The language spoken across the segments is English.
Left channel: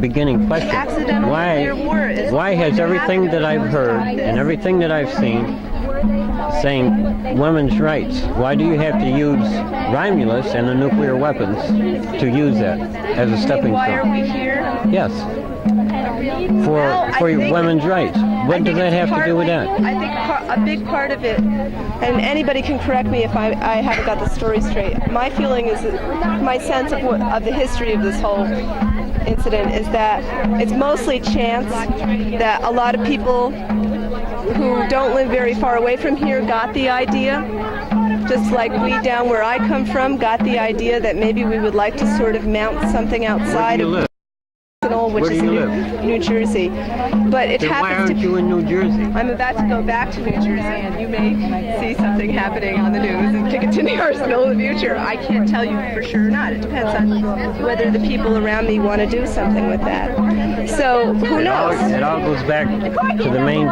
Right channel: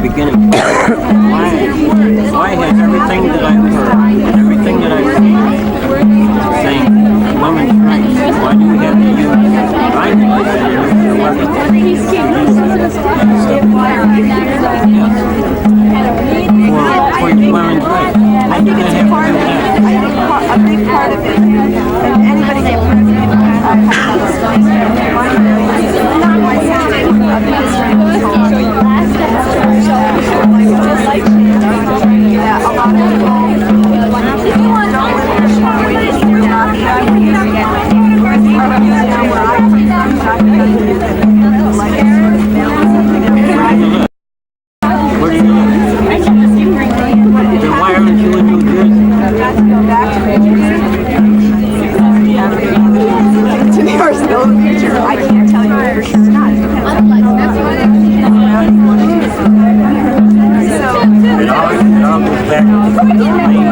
beginning part. Why has everything that I've heard and everything that I've seen saying women's rights, why do you have to use Romulus and nuclear weapons to use it as a stepping stone? Yes. For your women's rights. What does that have to do with that? I think a big part of it, and anybody can correct me if I have got this story straight, my feeling is, my sense of the history of this whole thing is that it's mostly chance that a lot of people who don't live very far away from here got the idea, just like me down where I come from, got the idea that maybe we would like to sort of mount something outside of Where do you live? New Jersey. But it Then why aren't you in New Jersey? Got to go back to New Jersey. See something happening on the news looking to New York's still in the future. I can't tell you for sure or not. It depends on whether the people around me want to do something with that. So, who knows? It all goes back to the main point.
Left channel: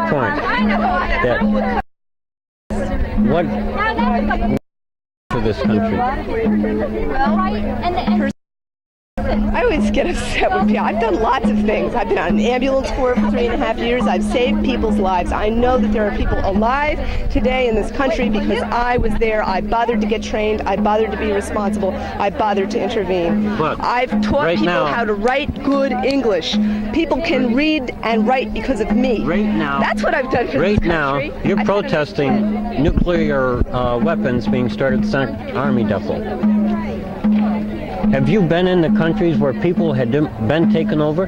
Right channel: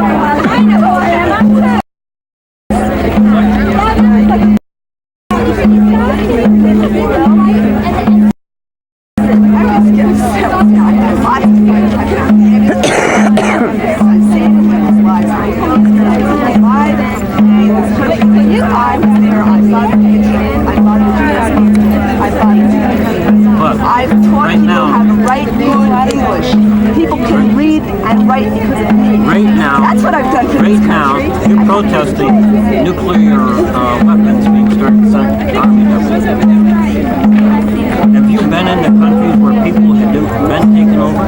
I always get upset with people. I've done lots of things. I've been on the ambulance for years. I've saved people's lives. I know that there are people alive today in this country because I was there. I bothered to get trained. I bothered to be responsible. I bothered to intervene. I've taught people how to write good English. People can read and write because of me. Right now, that's what I've done for this country. Right now, you're protesting nuclear weapons being started to send army depots. Have you been in the countries where people have been taken over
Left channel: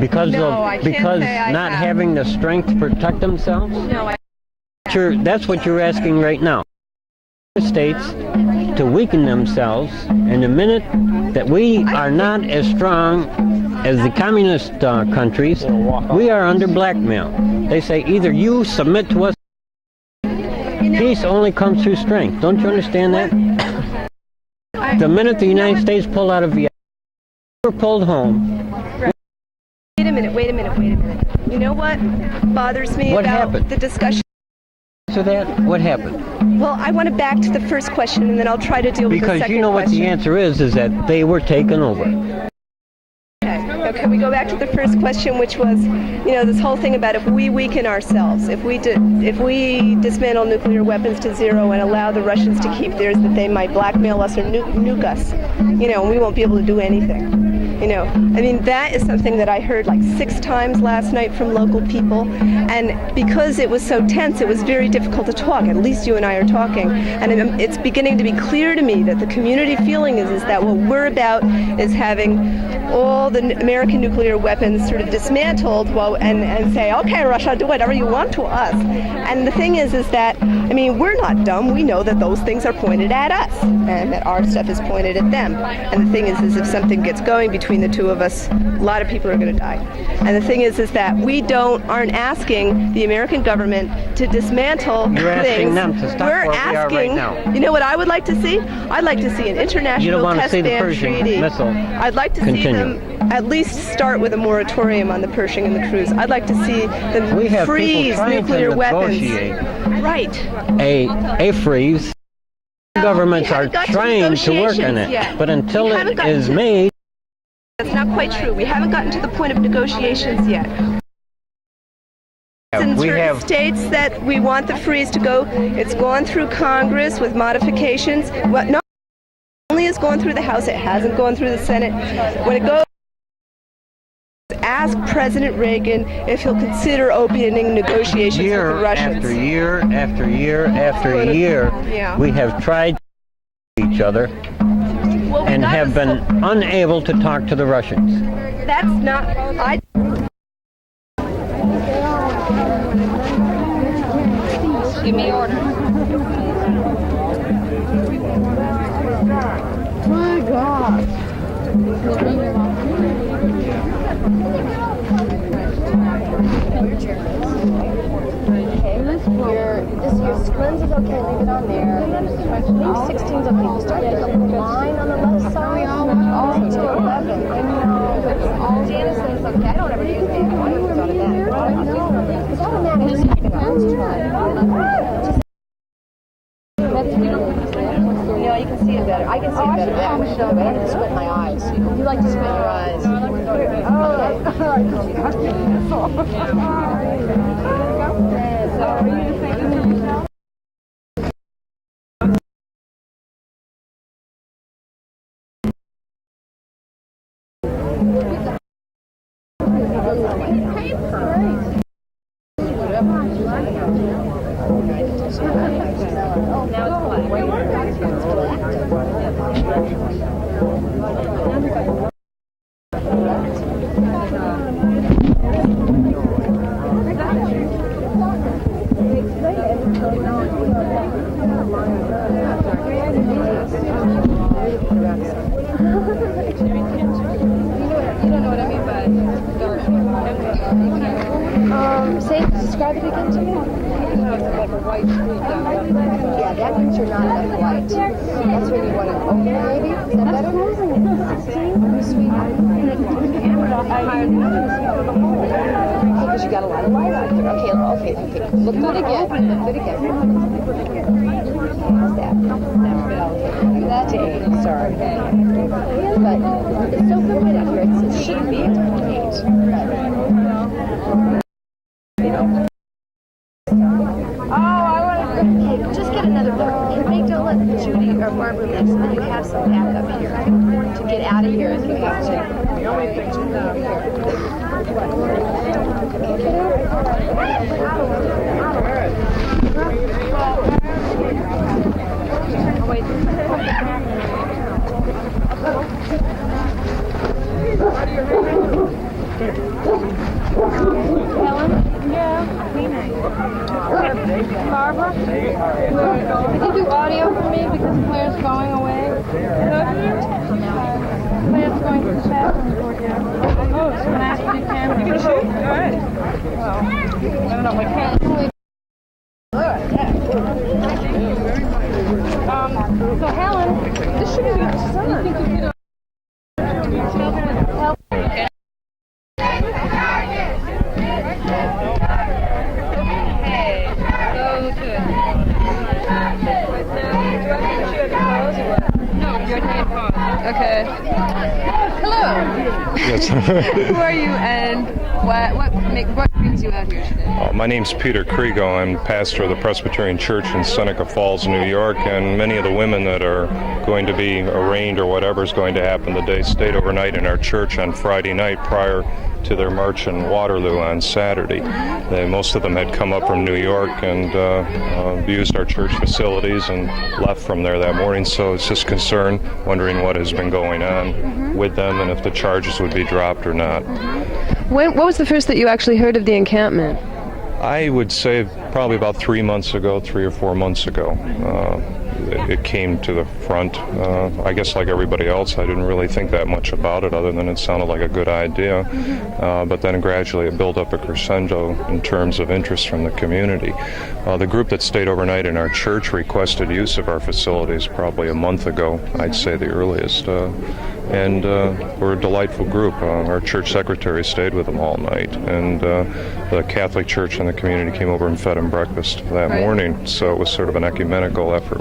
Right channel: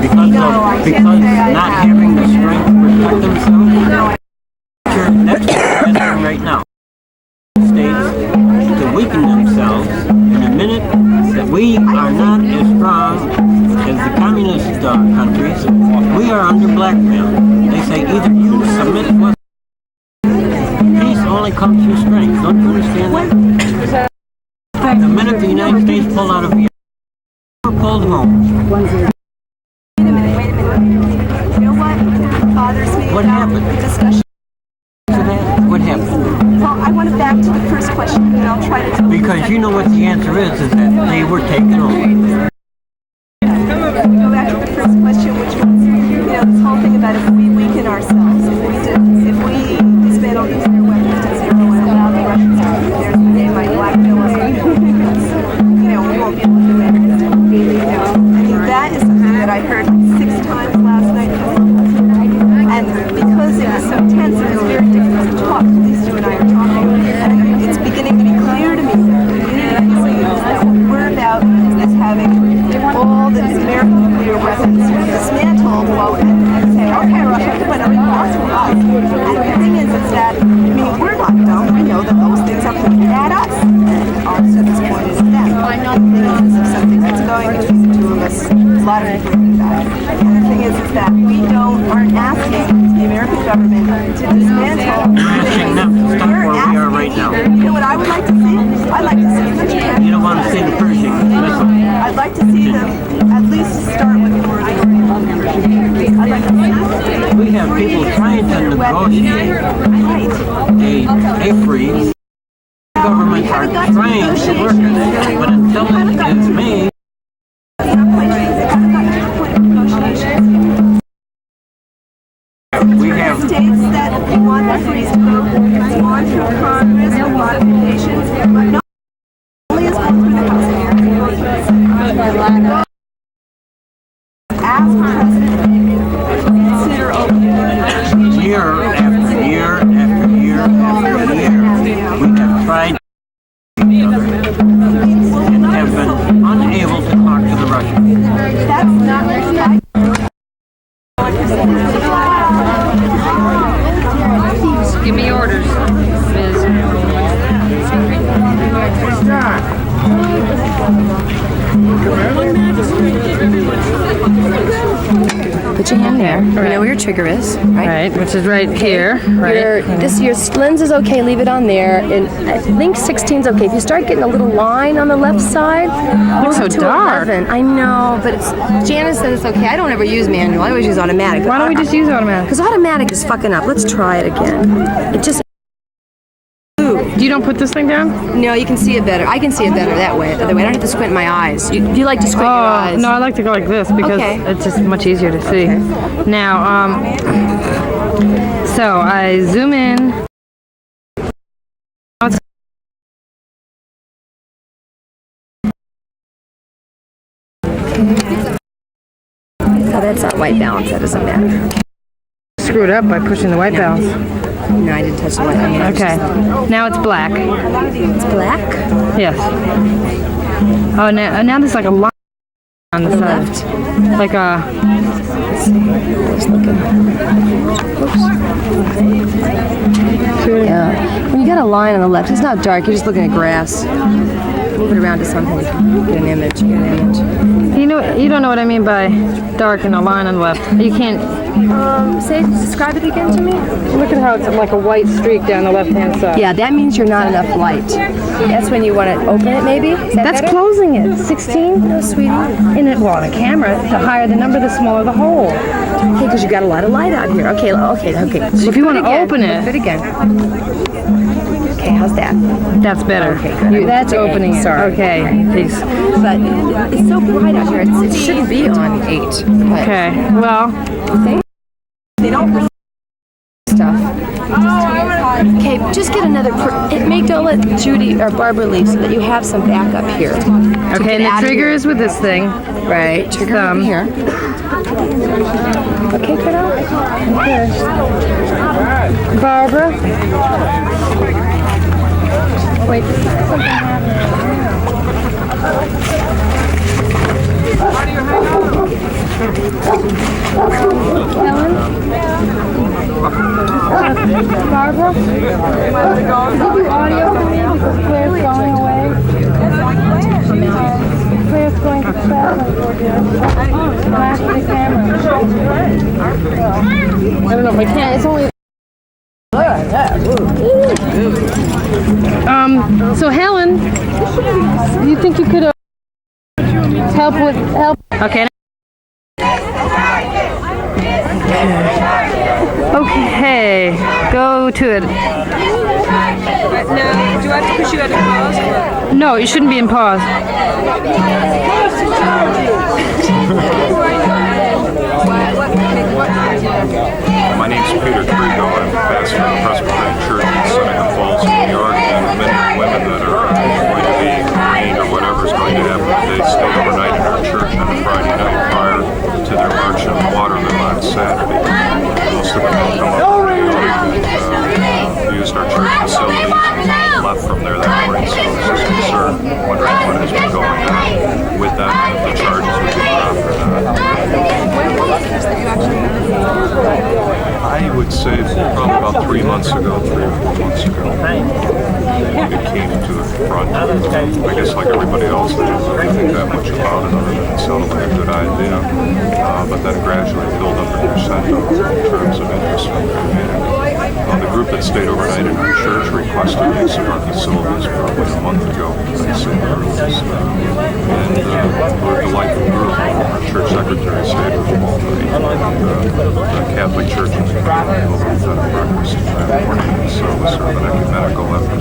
because not having the strength to protect themselves? No. That's what you're asking right now. States to weaken themselves, and the minute that we are not as strong as the communist countries, we are under blackmail. They say either you submit to us. Peace only comes through strength. Don't you understand that? The minute the United States pulled out of Vietnam, we're pulled home. Wait a minute. You know what bothers me about the discussion? What happened? Well, I want to back to the first question, and then I'll try to deal with the second question. Because you know what the answer is that they were taken over. Okay, we go back to the first question, which was, this whole thing about if we weaken ourselves, if we dismantle nuclear weapons to zero and allow the Russians to keep theirs, that they might blackmail us or nuke us. We won't be able to do anything. That is something that I heard like 6 times last night from local people, and because it was so tense, it was very difficult to talk. At least you and I are talking, and it's beginning to be clear to me that the community feeling is that what we're about is having all the American nuclear weapons sort of dismantled, and say, okay, Russia, do whatever you want to us. And the thing is that, we're not dumb. We know that those things are pointed at us, and our stuff is pointed at them. And the thing is if something gets going between the two of us, a lot of people are going to die. And the thing is that we aren't asking the American government to dismantle. You're asking them to stop where we are right now. You know what I would like to see? I'd like to see an international. You don't want to see the Pershing missile. I'd like to see them at least start with a moratorium on the Pershing missiles. I'd like to see them we have people trying to negotiate a freeze. Governments are trying to work on it, but until it is made, it's not quite true. We haven't gotten to the point of negotiations yet. In certain states that we want the freeze to go, it's gone through Congress with modifications. Well, no, only has gone through the House. It hasn't gone through the Senate. We're going to go ask President Reagan if he'll consider opening negotiations with Russia. Year after year after year, we have tried to each other and have been unable to talk to the Russians. That's not. Give me orders, Ms. Put your hand there. You know where your trigger is, right? Right, which is right here, right? Your lens is okay, leave it on there. And I think 16 is okay. If you start getting a little line on the left side, Looks so dark. 11. I know, but Janice said it's okay. I don't ever use manual. I always use automatic. Why don't we just use automatic? Because automatic is fucking up. Let's try it again. It just... Do You don't put this thing down? No, you can see it better. I can see it better that way. The other way. I don't have to squint my eyes. Do you like to squint your eyes? No, I like to go like this because it's just much easier to see. Now, so I zoom in. Oh, that's not white balance. That doesn't matter. Screwed up by pushing the white balance. No, I didn't touch the white balance. Okay. Now it's black. It's black? Yes. Oh, now there's like a line on the side. Like a... Yeah. When you got a line on the left, it's not dark. You're just looking at grass. Move it around to something. Get an image. You don't know what I mean by dark and a line on the left. You can't... Describe it again to me. Look at how it's like a white streak down the left-hand side. Yeah, that means you're not enough light. That's when you want to open it, maybe? That's closing it. 16? Oh, sweetie. On a camera, the higher the number, the smaller the hole. Okay, because you got a lot of light out here. Okay. So if you want to open it... Do it again. Okay, how's that? That's better. Okay. That's opening it. Sorry. Okay, peace. But it's so bright out here. It shouldn't be on 8. Okay, well... They don't stuff. Okay, just get another. Don't let Judy or Barbara leave so that you have some backup here. Okay, and the trigger is with this thing. Right. Trigger here. Okay, kiddo. Okay. Barbara. Oh, wait, this is something happening Helen? Barbara? Could you do audio for me because Claire's going away? Claire's going to the bathroom for dinner. And I have to do camera. I don't know if I can. It's only... So Helen, do you think you could help? Okay. Okay, go to it. Now, do I have to push you out of pause? No, you shouldn't be in pause. My name's Peter Trigo. I'm pastor of the Presbyterian Church in Seneca Falls, New York, and many of the women that are going to be arraigned or whatever is going to happen today stayed overnight in our church on Friday night prior to their march on Waterloo on Saturday. And most of them had come up from New York and used our church facilities and left from there that morning, so I was just concerned, wondering what has been going on with them and if the charges would be dropped or not. What was the first that you actually heard of the encampment? I would say probably about 3 months ago, 3 or 4 months ago. It came to the front. I guess like everybody else, I didn't really think that much about it other than it sounded like a good idea. But then gradually it built up a crescendo in terms of interest from the community. The group that stayed overnight in our church requested use of our facilities probably a month ago, I'd say the earliest. And we're a delightful group. Our church secretary stayed with them all night, and the Catholic Church in the community came over and fed them breakfast that morning. So it was sort of an ecumenical effort,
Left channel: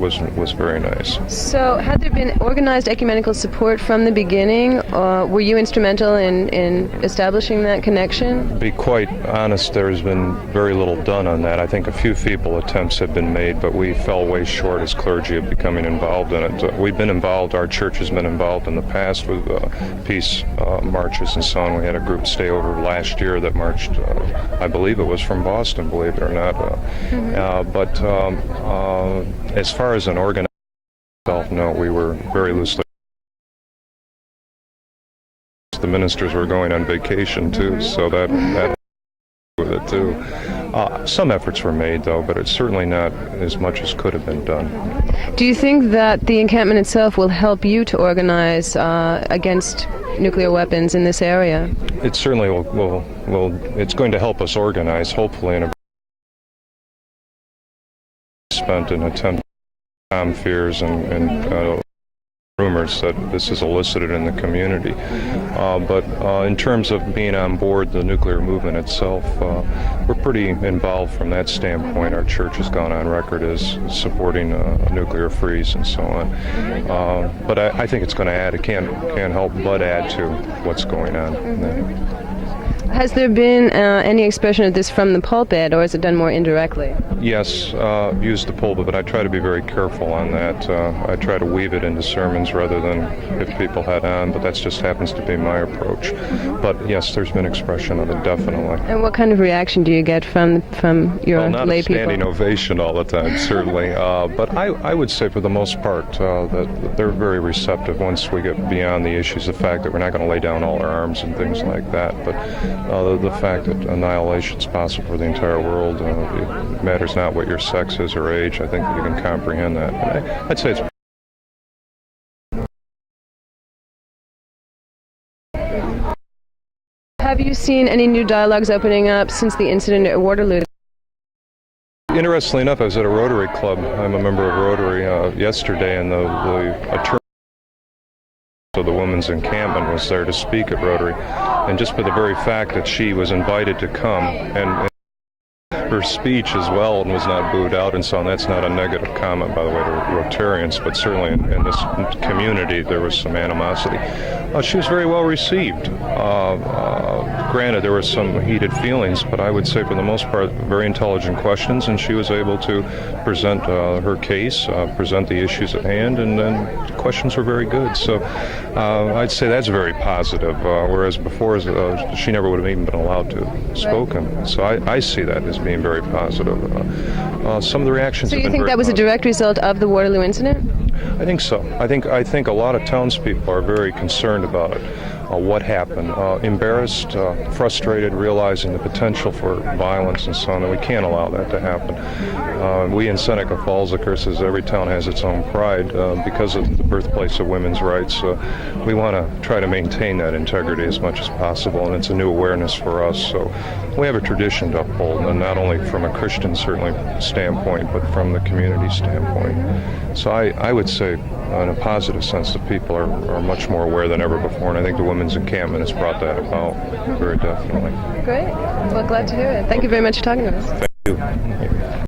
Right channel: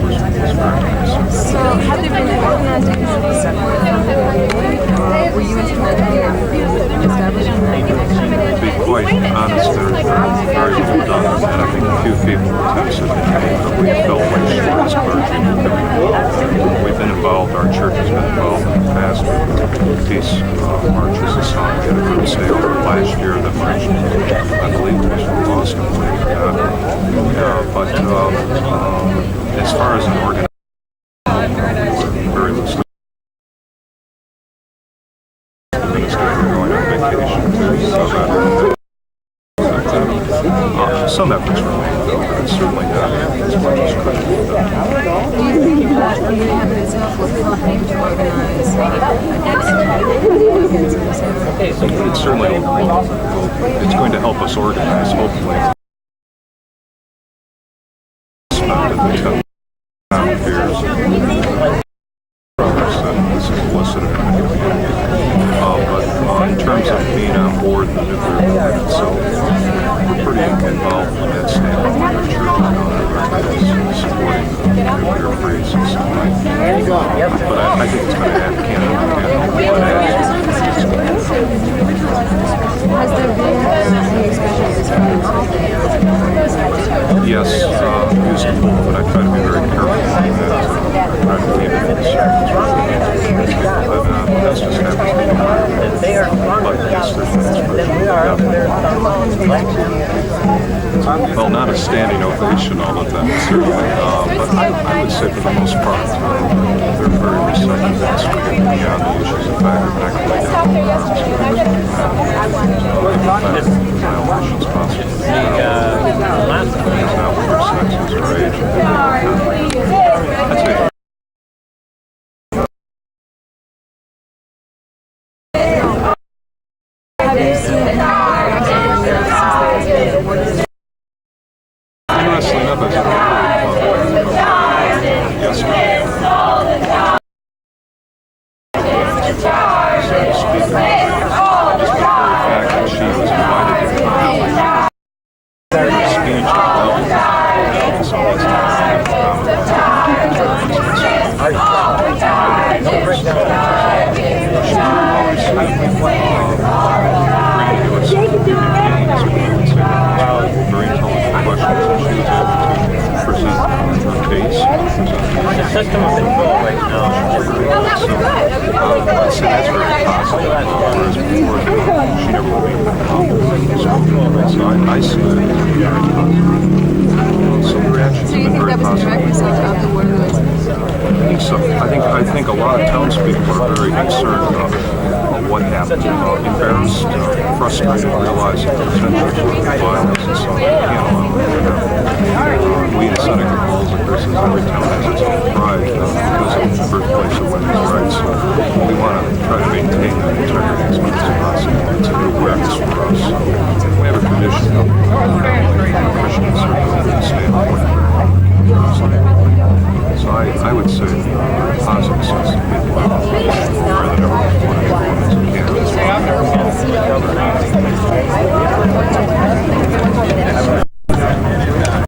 which was very nice. So had there been organized ecumenical support from the beginning, or were you instrumental in establishing that connection? To be quite honest, there's been very little done on that. I think a few feeble attempts have been made, but we fell way short as clergy of becoming involved in it. We've been involved, our church has been involved in the past with peace marches and so on. We had a group stay over last year that marched, I believe it was from Boston, believe it or not. But as far as an organization, we were very loosely. The ministers were going on vacation too, so that some efforts were made though, but it's certainly not as much as could have been done. Do you think that the encampment itself will help you to organize against nuclear weapons in this area? It certainly will. It's going to help us organize, hopefully, in a spent town fears and rumors that this is elicited in the community. But in terms of being on board the nuclear movement itself, we're pretty involved from that standpoint. Our church has gone on record as supporting nuclear freeze and so on. But I think it's going to add, can't help but add to what's going on. Has there been any expression of this from the pulpit, or is it done more indirect? Yes, use the pulpit, but I try to be very careful on that. I try to weave it into sermons rather than hit people head on, but that just happens to be my approach. But yes, there's been expression of it, definitely. And what kind of reaction do you get from your Well, not a lay standing people? ovation all the time, certainly. But I would say for the most part, they're very receptive once we get beyond the issues. The fact that we're not going to lay down all our arms and things like that. The fact that annihilation is possible with the entire world. It matters not what your sex is or age. I think we can comprehend that. I'd say it's Have you seen any new dialogues opening up since the incident at Waterloo? interestingly enough, I was at a Rotary Club. I'm a member of Rotary yesterday, and the of the women's encampment was there to speak about it. And just for the very fact that she was invited to come, and her speech as well was not booed out, and so that's not a negative comment by the Rotarians, but certainly in this community there was some animosity. But she was very well received. Granted, there were some heated feelings, but I would say for the most part, very intelligent questions, and she was able to present her case, present the issues at hand, and the questions were very good. So I'd say that's very positive, whereas before she never would have even been allowed to spoke on. So I see that as being very positive. Some of the reactions have been very That was a positive. direct result of the Waterloo incident? I think so. I think a lot of townspeople are very concerned about what happened, embarrassed, frustrated, realizing the potential for violence and so on. We can't allow that to happen. We in Seneca Falls, of course, as every town has its own pride because of the birthplace of women's rights. So we want to try to maintain that integrity as much as possible. And it's a new awareness for us. So we have a tradition of not only from a Christian standpoint, but from the community standpoint. So I would say, in a positive sense, that people are much more aware than ever before. I think the women's encampment is welcome. Thank you very much for talking to us.